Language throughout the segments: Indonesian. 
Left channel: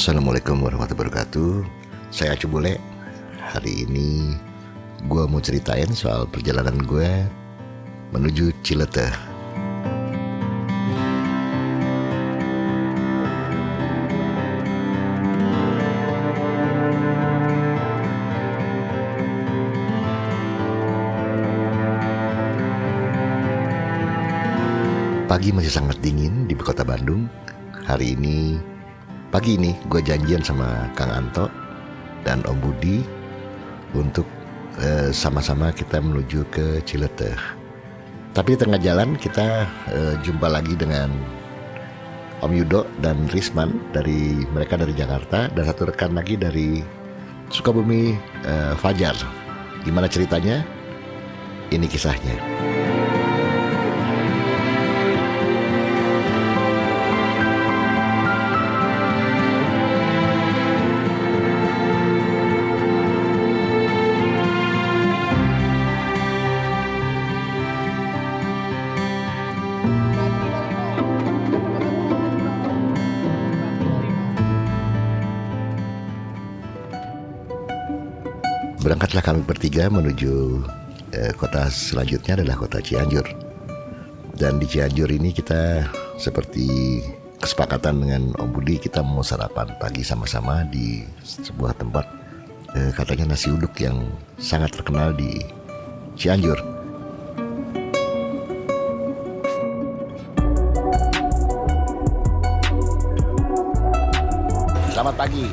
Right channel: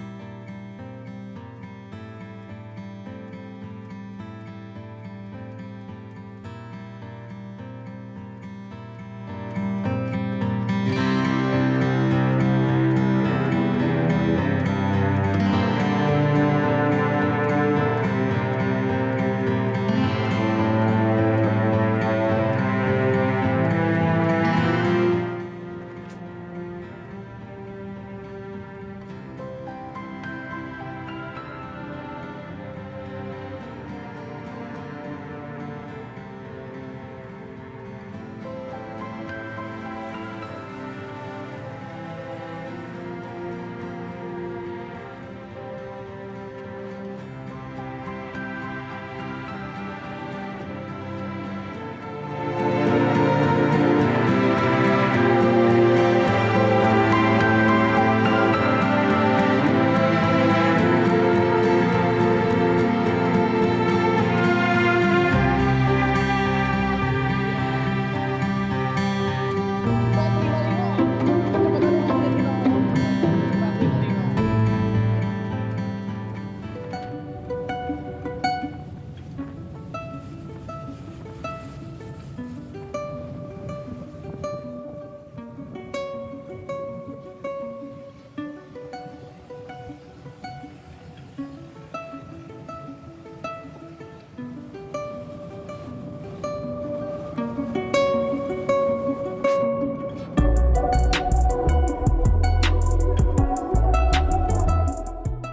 Assalamualaikum warahmatullahi wabarakatuh. Saya Acu Bule. Hari ini gue mau ceritain soal perjalanan gue menuju Cileteh. Pagi masih sangat dingin di kota Bandung. Pagi ini gue janjian sama Kang Anto dan Om Budi untuk sama-sama kita menuju ke Cileteh. Tapi di tengah jalan kita jumpa lagi dengan Om Yudo dan Risman, mereka dari Jakarta, dan satu rekan lagi dari Sukabumi, Fajar. Gimana ceritanya? Ini kisahnya. Berangkatlah kami bertiga menuju kota selanjutnya adalah kota Cianjur. Dan di Cianjur ini kita seperti kesepakatan dengan Om Budi, kita mau sarapan pagi sama-sama di sebuah tempat katanya nasi uduk yang sangat terkenal di Cianjur. Selamat pagi.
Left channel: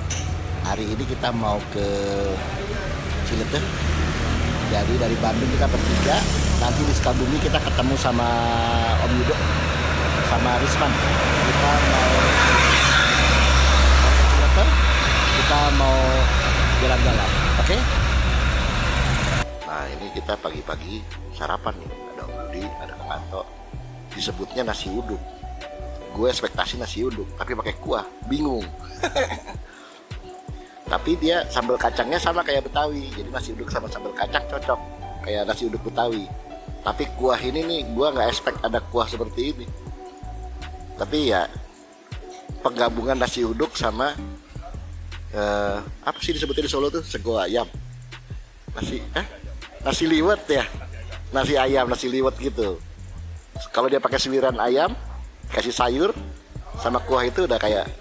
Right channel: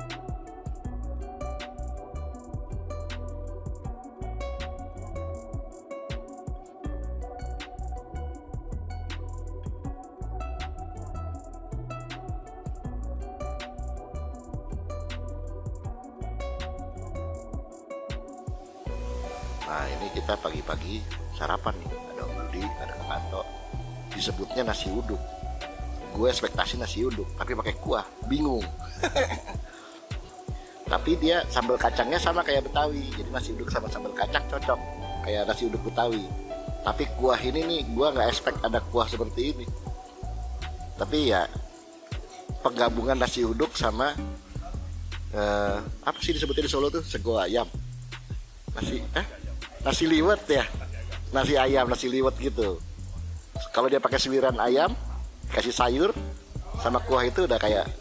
Hari ini kita mau ke Cileteh. Jadi dari Bandung kita bertiga, nanti di Sukabumi kita ketemu sama Om Yudo sama Risman. Kita mau Cileteh, kita mau jalan-jalan, oke? Nah ini kita pagi-pagi sarapan nih, ada Om Budi, ada Kang Anto. Disebutnya nasi uduk. Gue ekspektasi nasi uduk, tapi pakai kuah, bingung. Tapi dia sambal kacangnya sama kayak Betawi, jadi nasi uduk sama sambal kacang cocok kayak nasi uduk Betawi. Tapi kuah ini nih, gua nggak expect ada kuah seperti ini. Tapi ya penggabungan nasi uduk sama apa sih disebutnya di Solo tuh, sego ayam, nasi liwet ya, nasi ayam, nasi liwet gitu. Kalau dia pakai suiran ayam, kasih sayur sama kuah, itu udah kayak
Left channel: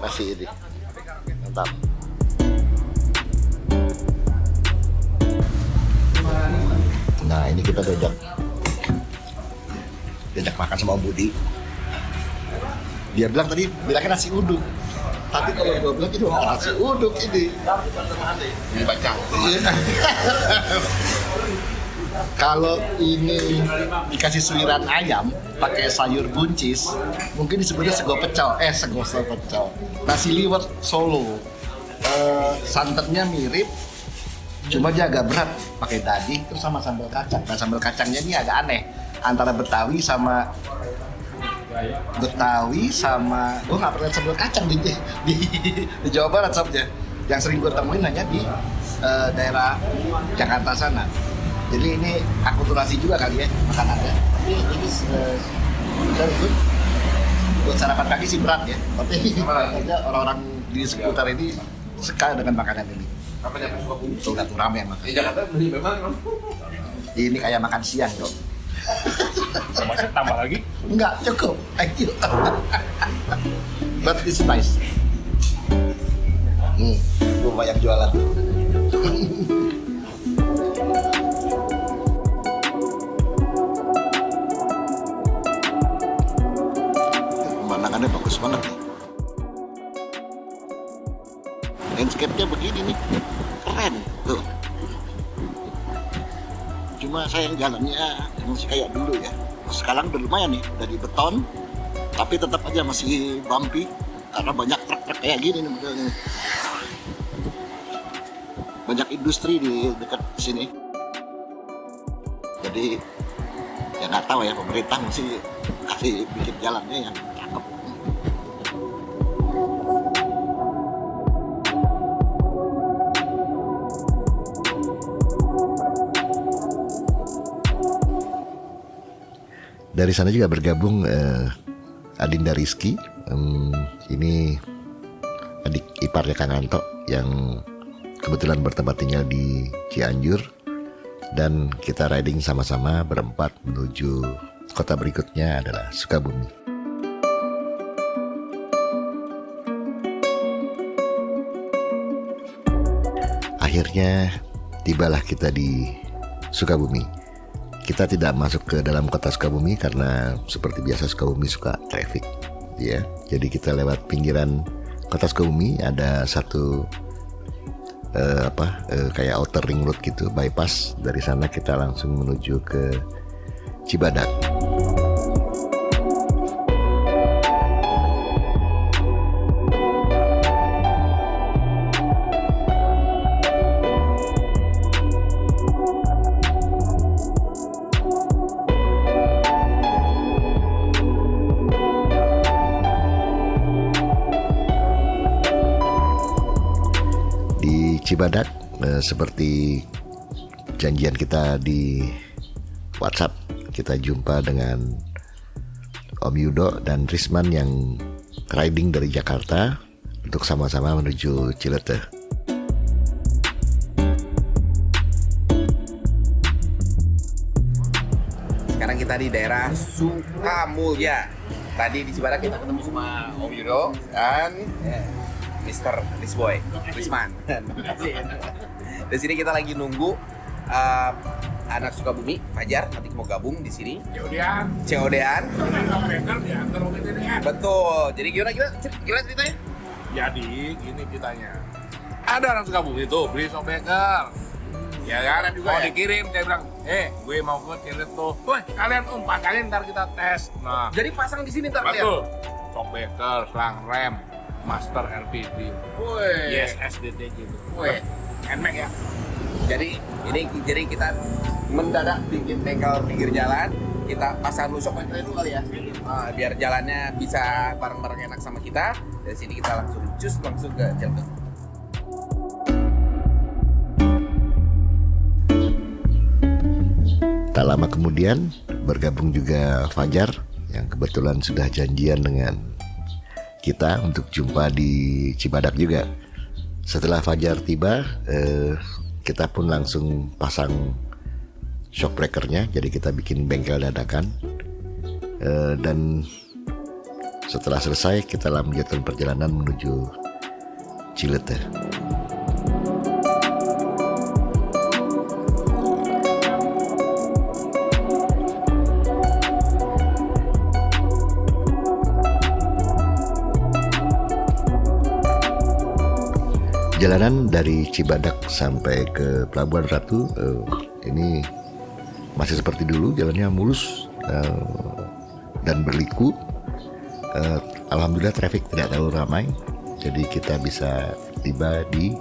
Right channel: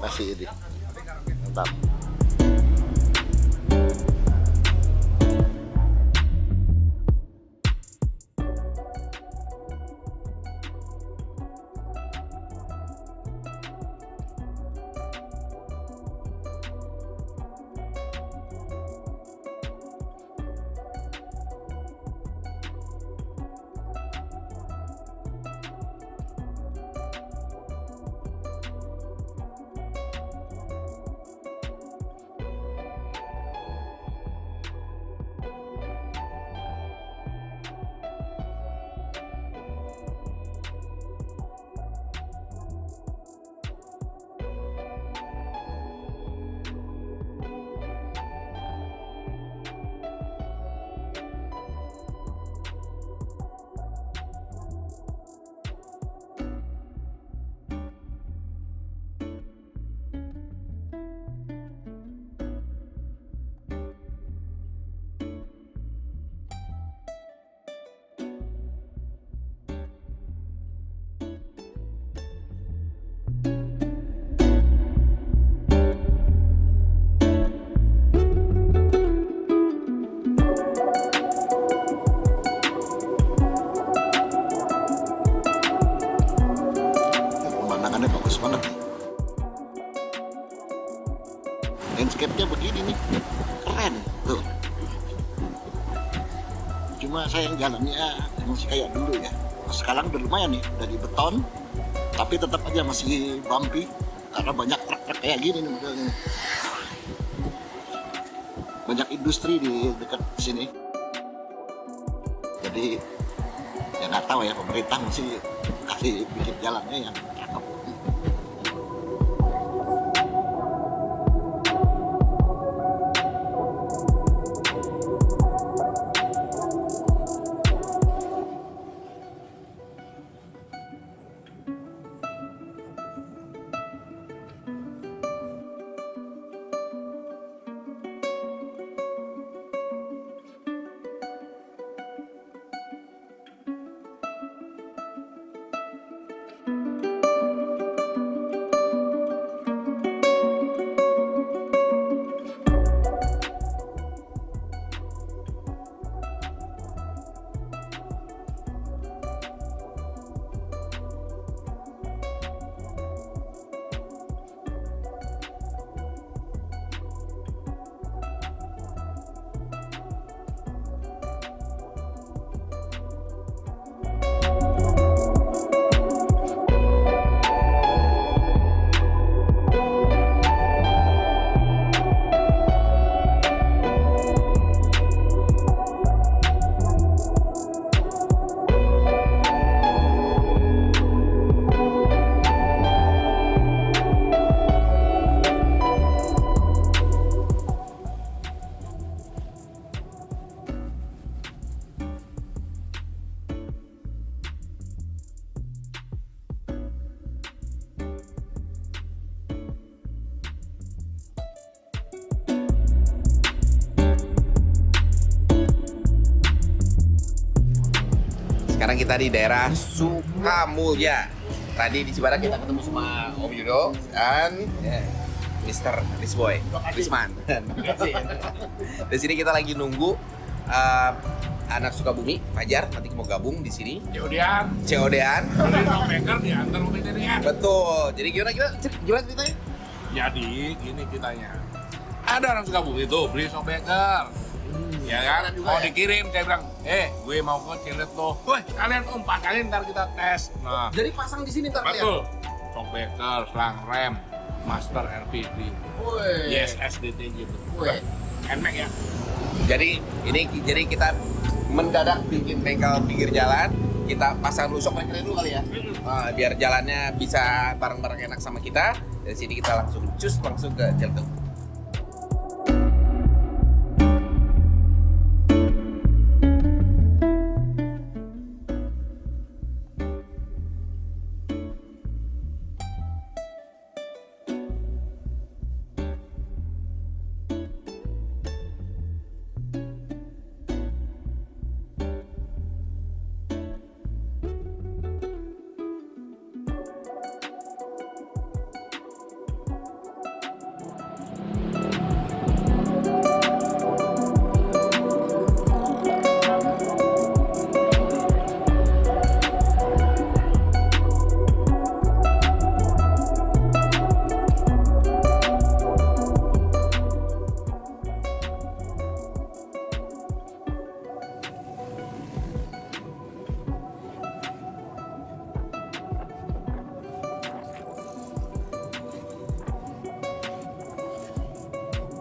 nasi ini, mantap. Nah ini kita diajak makan sama Om Budi. Dia bilang tadi bilangnya nasi uduk, tapi kalau gue bilang itu nasi uduk ini baca. Kalau ini dikasih suiran ayam pakai sayur buncis, mungkin disebutnya sego pecel. Sego pecel. Nasi liwet Solo. Santannya mirip, cuma dia agak berat, pakai daging terus sama sambal kacang. Nah sambal kacangnya ini agak aneh, antara Betawi sama gue nggak pernah sambal kacang di Jawa Barat soalnya. Yang sering gue temuin hanya di daerah Jakarta sana. Jadi ini akulturasi juga kali ya makanannya. Tapi ini buat sarapan pagi sih berat ya. Tapi orang-orang di seputar ini suka dengan makanan ini. Udah tuh rame makan. Di Jakarta beli memang. Ini kayak makan siang dong. Masih tambah lagi? Enggak, cukup. Thank you. But it's nice. Gue banyak jualan. Pemandangannya bagus banget nih. Landscape-nya begini nih, keren tuh. Cuma sayang jalannya masih kayak dulu ya. Sekarang udah lumayan nih, dari beton, tapi tetap aja masih bumpy karena banyak truk-truk kayak gini nih modelnya. Banyak industri di dekat sini. Jadi ya nggak tahu ya, pemerintah mesti kasih bikin jalannya yang cakep. Dari sana juga bergabung Adinda Rizky. Ini adik iparnya Kang Anto yang kebetulan bertempat tinggal di Cianjur, dan kita riding sama-sama berempat menuju kota berikutnya adalah Sukabumi. Akhirnya tibalah kita di Sukabumi. Kita tidak masuk ke dalam kota Sukabumi karena seperti biasa Sukabumi suka traffic, ya. Jadi kita lewat pinggiran kota Sukabumi, ada satu kayak outer ring road gitu, bypass. Dari sana kita langsung menuju ke Cibadak. Cibadak, seperti janjian kita di WhatsApp, kita jumpa dengan Om Yudo dan Risman yang riding dari Jakarta untuk sama-sama menuju Cileteh. Sekarang kita di daerah Sukamulya. Tadi di Cibadak kita ketemu sama Om Yudo dan Mr. Risman. Di sini kita lagi nunggu anak Sukabumi, Fajar, nanti mau gabung di sini. COD-an. Shockbreaker diantar mobil TDN. Betul. Jadi gimana ceritanya? Jadi gini ceritanya. Ada orang Sukabumi itu beli shockbreaker. Ya kan, juga mau ya? dikirim, saya bilang, gue mau ke Ciletuh. Woi, kalian pasangin ntar kita tes. Nah, Jadi pasang di sini ntar kalian. betul. Shockbreaker, selang rem, master LPD, Woi. yes SDT gitu. Woi. NMAX ya. Jadi kita mendadak bikin bengkel pinggir jalan. Kita pasang dulu shockbreaker dulu kali ya. Biar jalannya bisa bareng-bareng enak sama kita. Dari sini kita langsung ke Ciletuh. Tak lama kemudian bergabung juga Fajar yang kebetulan sudah janjian dengan kita untuk jumpa di Cibadak juga. Setelah Fajar tiba, kita pun langsung pasang shockbreakernya. Jadi kita bikin bengkel dadakan, dan setelah selesai kita lanjutkan perjalanan menuju Cileteh. Jalanan dari Cibadak sampai ke Pelabuhan Ratu ini masih seperti dulu, jalannya mulus dan berliku. Alhamdulillah traffic tidak terlalu ramai, jadi kita bisa tiba di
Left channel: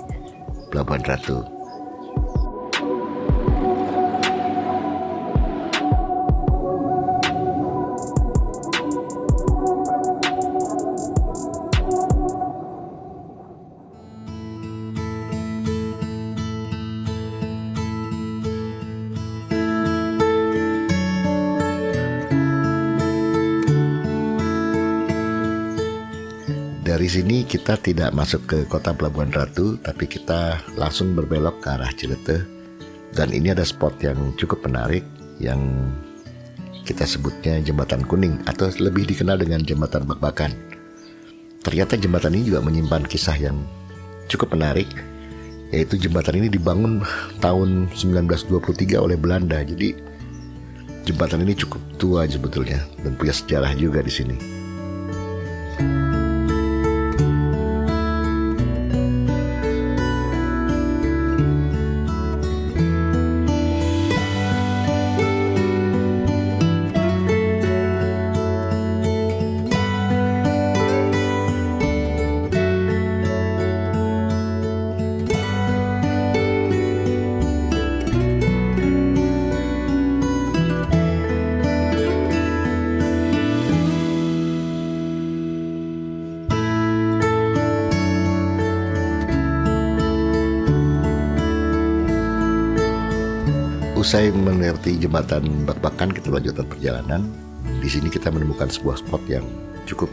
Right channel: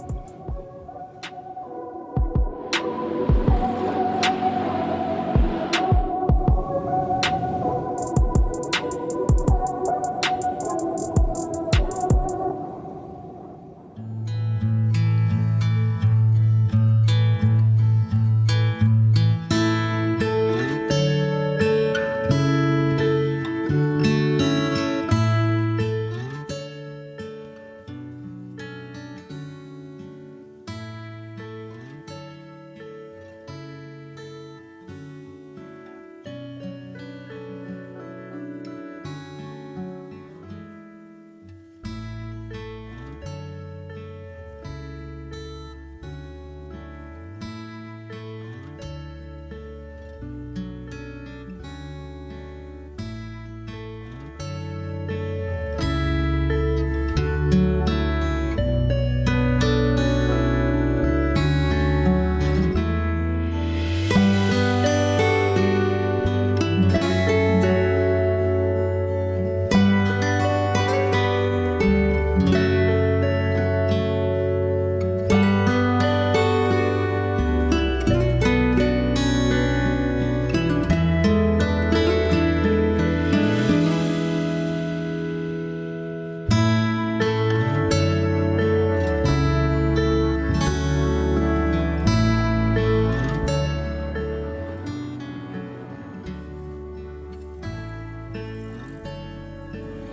Pelabuhan Ratu. Dari sini kita tidak masuk ke kota Pelabuhan Ratu, tapi kita langsung berbelok ke arah Cileteh. Dan ini ada spot yang cukup menarik yang kita sebutnya Jembatan Kuning atau lebih dikenal dengan Jembatan Bak-Bakan. Ternyata jembatan ini juga menyimpan kisah yang cukup menarik, yaitu jembatan ini dibangun tahun 1923 oleh Belanda. Jadi jembatan ini cukup tua sebetulnya dan punya sejarah juga di sini. Usai melewati jembatan Bak-Bakan, kita lanjutkan perjalanan. Di sini kita menemukan sebuah spot yang cukup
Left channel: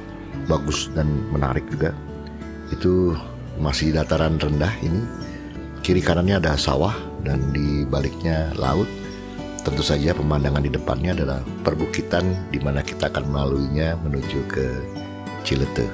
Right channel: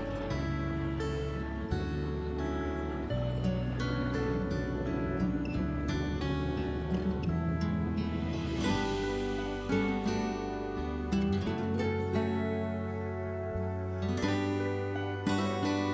bagus dan menarik juga, itu masih dataran rendah ini. Kiri kanannya ada sawah dan di baliknya laut. Tentu saja pemandangan di depannya adalah perbukitan di mana kita akan melaluinya menuju ke Ciletuh.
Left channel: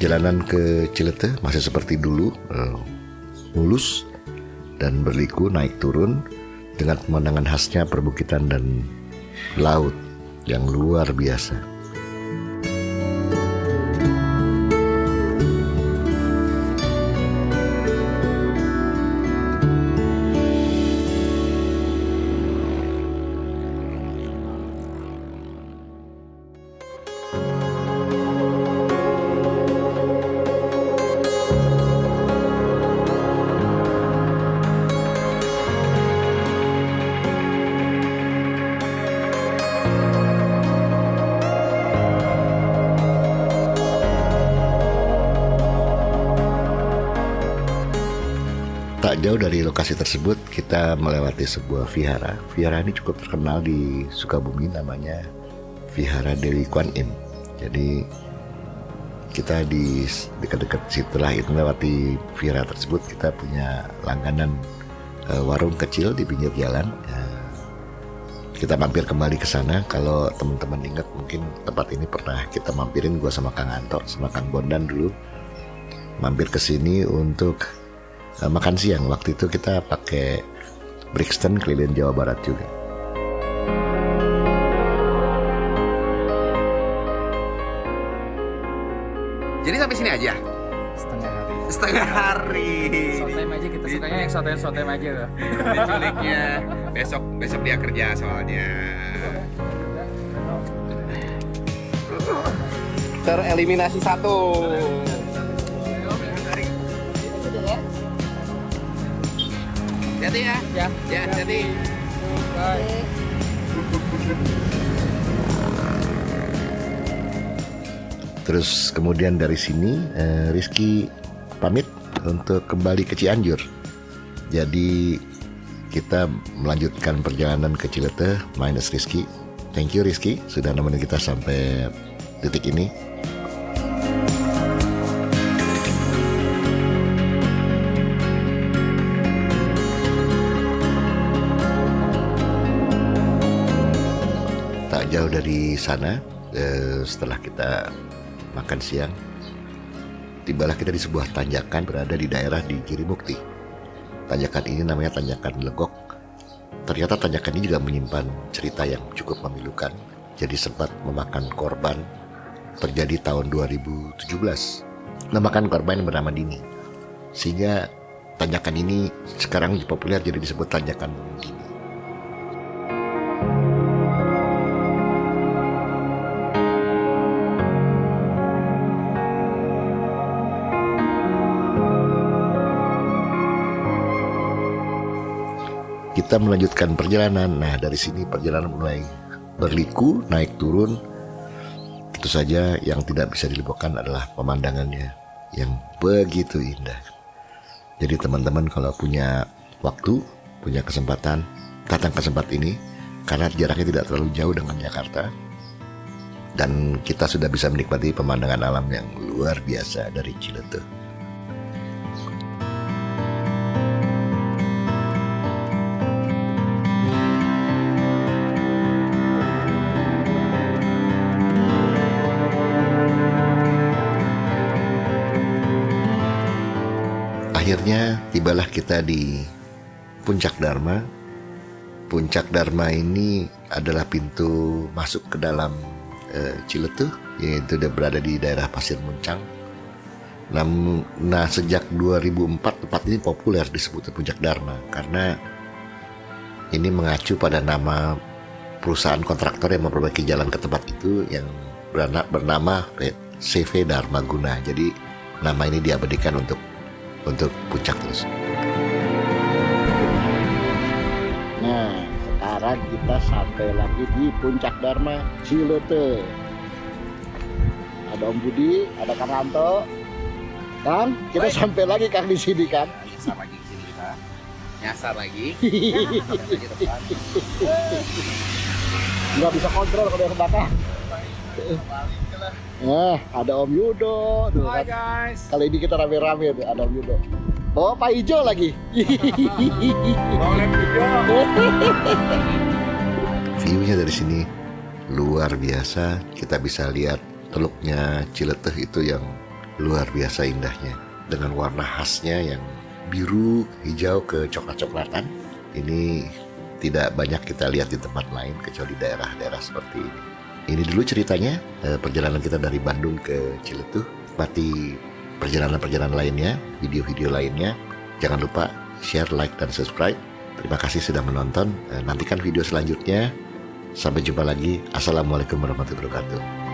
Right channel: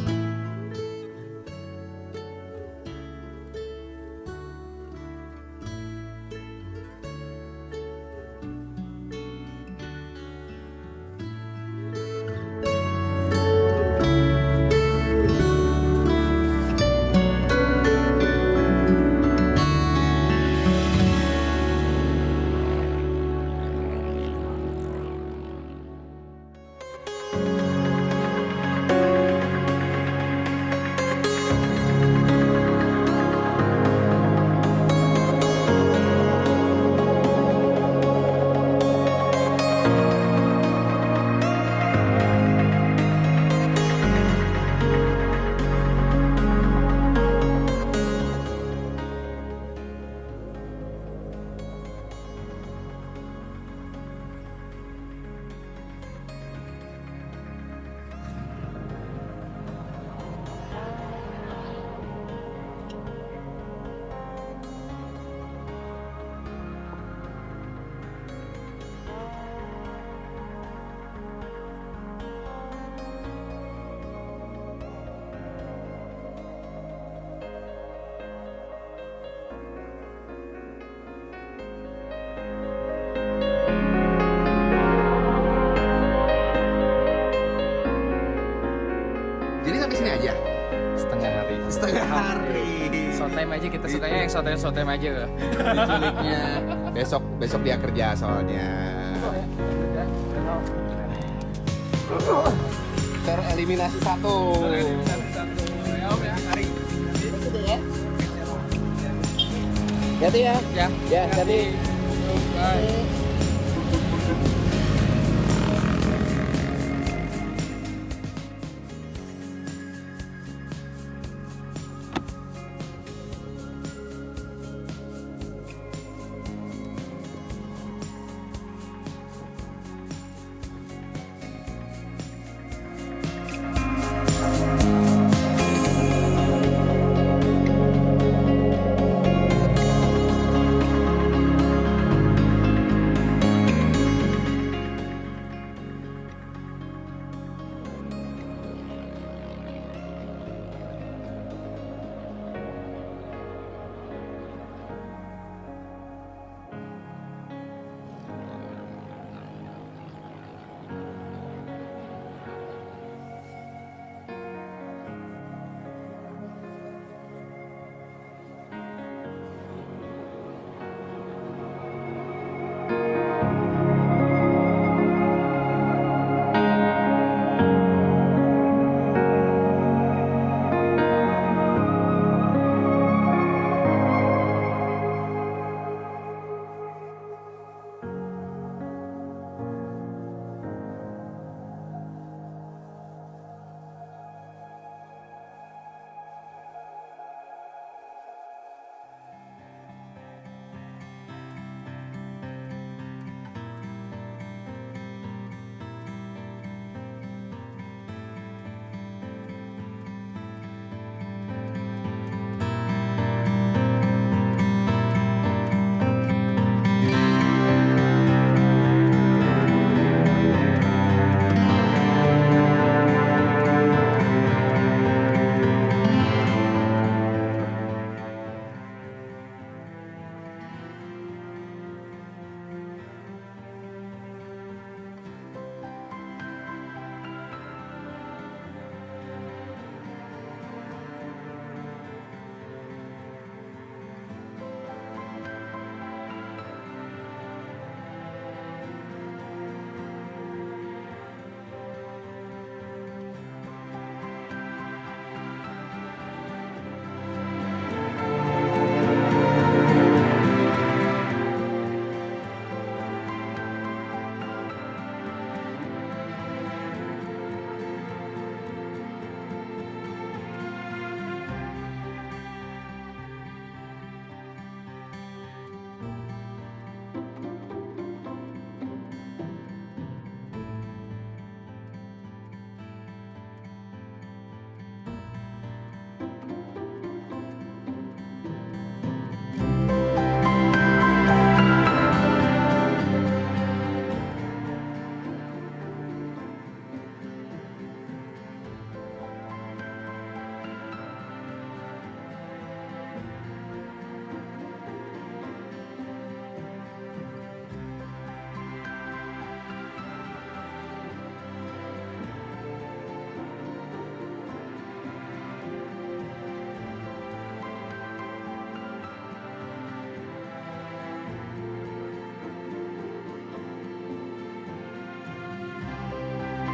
Jalanan ke Ciletuh masih seperti dulu, mulus dan berliku naik turun dengan pemandangan khasnya perbukitan dan laut yang luar biasa. Tak jauh dari lokasi tersebut kita melewati sebuah vihara. Vihara ini cukup terkenal di Sukabumi, namanya Vihara Dewi Kwan Im. Jadi kita di dekat-dekat setelah itu melewati vihara tersebut, kita punya langganan warung kecil di pinggir jalan. Kita mampir kembali ke sana. Kalau teman-teman ingat, mungkin tempat ini pernah kita mampirin, gua sama Kang Anto sama Kang Bondan dulu mampir ke sini untuk makan siang. Waktu itu kita pakai Brixton keliling Jawa Barat juga. Jadi sampai sini aja? Setengah hari. Setengah hari. Short time aja, kita sukanya yang short time aja. Uniknya besok dia kerja soalnya. Tereliminasi satu. Hati ya. Ya, hati. Bye. Terus kemudian dari sini Rizky pamit untuk kembali ke Cianjur. Jadi kita melanjutkan perjalanan ke Ciletuh minus Rizky. Thank you Rizky sudah nemenin kita sampai titik ini. Tak jauh dari sana, setelah kita makan siang, tibalah kita di sebuah tanjakan berada di daerah di Girimukti. Tanjakan ini namanya Tanjakan Legok. Ternyata tanjakan ini juga menyimpan cerita yang cukup memilukan. Jadi sempat memakan korban, terjadi tahun 2017. Memakan korban yang bernama Dini. Sehingga tanjakan ini sekarang populer jadi disebut Tanjakan Dini. Kita melanjutkan perjalanan. Nah, dari sini perjalanan mulai berliku, naik turun. Tentu saja yang tidak bisa dilupakan adalah pemandangannya yang begitu indah. Jadi teman-teman kalau punya waktu, punya kesempatan, datang ke tempat ini karena jaraknya tidak terlalu jauh dengan Jakarta. Dan kita sudah bisa menikmati pemandangan alam yang luar biasa dari Ciletuh. Akhirnya tibalah kita di Puncak Dharma. Puncak Dharma ini adalah pintu masuk ke dalam Ciletuh, yaitu dia berada di daerah Pasir Muncang. Nah, sejak 2004 tempat ini populer disebut Puncak Dharma karena ini mengacu pada nama perusahaan kontraktor yang memperbaiki jalan ke tempat itu yang bernama CV Dharmaguna. Jadi nama ini diabadikan untuk puncak terus. Nah, sekarang kita sampai lagi di Puncak Dharma Ciletuh. Ada Om Budi, ada Kang Ranto. Kang, kita sampai lagi Kang di sini kan? Nyasar lagi di sini kita. Nyasar lagi. Nggak bisa kontrol kalau yang belakang. Nah, ada Om Yudo. Tuh, Hai kan. guys. Kali ini kita rame-rame tuh, ada Om Yudo. Oh, Pak Ijo lagi. View-nya dari sini luar biasa. Kita bisa lihat teluknya Ciletuh itu yang luar biasa indahnya. Dengan warna khasnya yang biru, hijau ke coklat-coklatan. Ini tidak banyak kita lihat di tempat lain kecuali daerah-daerah seperti ini. Ini dulu ceritanya perjalanan kita dari Bandung ke Ciletuh. Nikmati perjalanan-perjalanan lainnya, video-video lainnya. Jangan lupa share, like, dan subscribe. Terima kasih sudah menonton. Nantikan video selanjutnya. Sampai jumpa lagi. Assalamualaikum warahmatullahi wabarakatuh.